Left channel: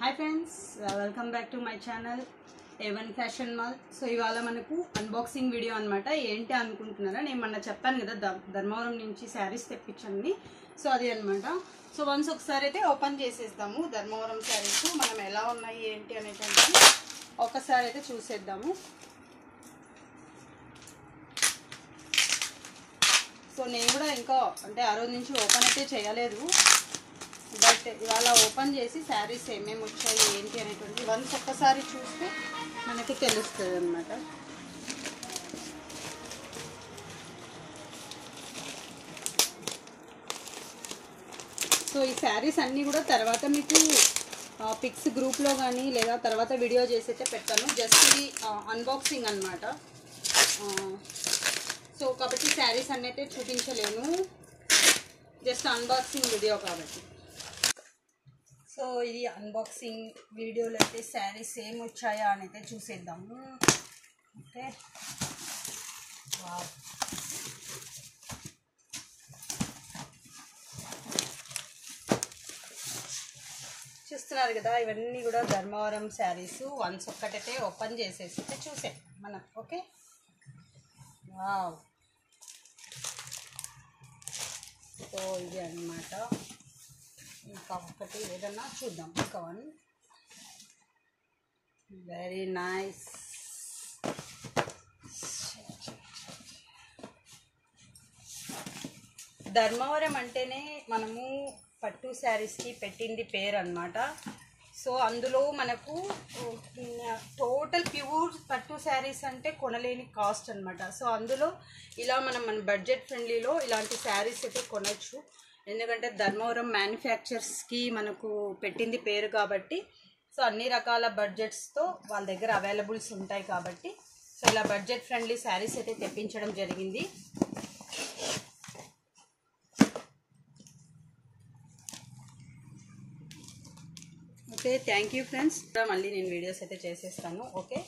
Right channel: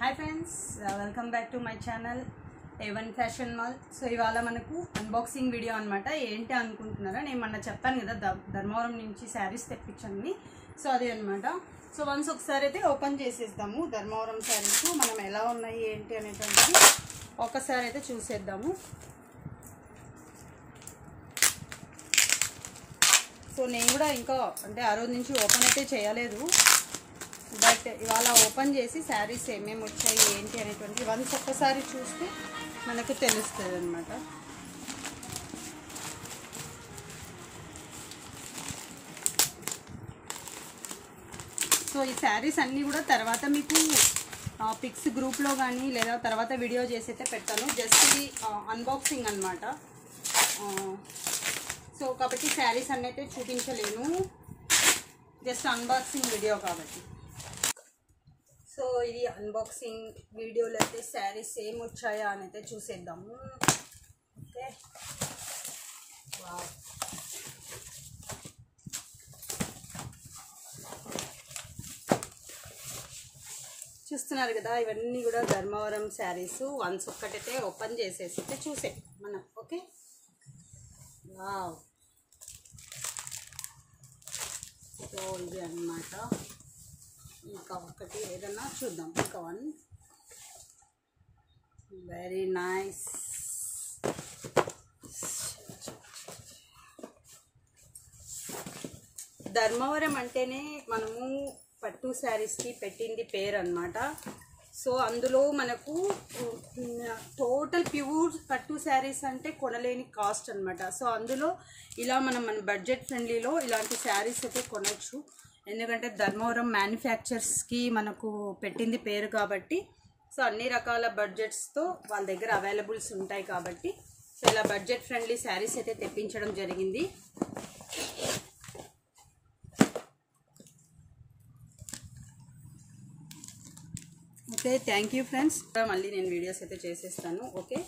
Hi friends, welcome back to my channel A1 fashion mall. So ఇవాళ మనకు unboxing video అనమాట. ఏంటి అనుకుంటున్నారా, నేను మొన్న చెప్పాను కదా ధర్మవరం నుంచి శారీస్ తెప్పించండి. సో అది అనమాట. సో వన్స్ ఒకసారి అయితే ఓపెన్ చేసేద్దాము. ధర్మవరం శారీస్ మనం ఎలా ఉన్నాయి ఏంటి అనేటువంటి ఒకసారి అయితే చూసేద్దాము. సో నేను కూడా ఇంకా అంటే ఆ రోజు నుంచి ఓపెన్ అయితే చేయలేదు, బట్ ఇవాళ ఓపెన్ చేసి శారీస్ ఏమేమి వచ్చాయి ఏంటి అనేటువంటి వన్స్ ఒక్కసారి చూస్తే మనకు తెలుస్తుంది అన్నమాట. సో ఈ శారీస్ అన్నీ కూడా తర్వాత మీకు పిక్స్ గ్రూప్లో కానీ లేదా తర్వాత వీడియో చేసి అయితే పెట్టాను. జస్ట్ ఇది అన్బాక్సింగ్ అనమాట. సో కాబట్టి శారీస్ అన్నీ అయితే చూపించలేను, జస్ట్ అన్బాక్సింగ్ వీడియో కాబట్టి. సో ఇది అన్బాక్సింగ్ వీడియోలో అయితే శారీస్ ఏం వచ్చాయా అని అయితే చూసేద్దాము. ఓకే, చూస్తున్నారు కదా, ఇవన్నీ కూడా ధర్మవరం శారీస్. వన్స్ ఒక్కటైతే ఓపెన్ చేసేసి అయితే చూసే మనం. Okay, wow. సో ఇది అన్నమాట. ఇంకా ఒకటి ఏదన్నా చూద్దాం. ఇంకా వన్ వెరీ నైస్. ధర్మవరం అంటేనే మనము పట్టు శారీస్కి పెట్టింది పేరు అన్నమాట. సో అందులో మనకు టోటల్ ప్యూర్ పట్టు శారీస్ అంటే కొనలేని కాస్ట్ అనమాట. సో అందులో ఇలా మన బడ్జెట్ ఫ్రెండ్లీలో ఇలాంటి శారీస్ అయితే కొనవచ్చు. ఎందుకంటే ధర్మవరం మ్యానుఫ్యాక్చర్స్కి మనకు పెట్టింది పేరు కాబట్టి, సో అన్ని రకాల బడ్జెట్స్తో వాళ్ళ దగ్గర అవైలబుల్స్ ఉంటాయి కాబట్టి, సో ఇలా బడ్జెట్ ఫ్రెండ్లీ శారీస్ అయితే తెప్పించడం జరిగింది. Okay, thank you friends. మళ్ళీ నేను వీడియోస్ అయితే చేసేస్తాను. ఓకే.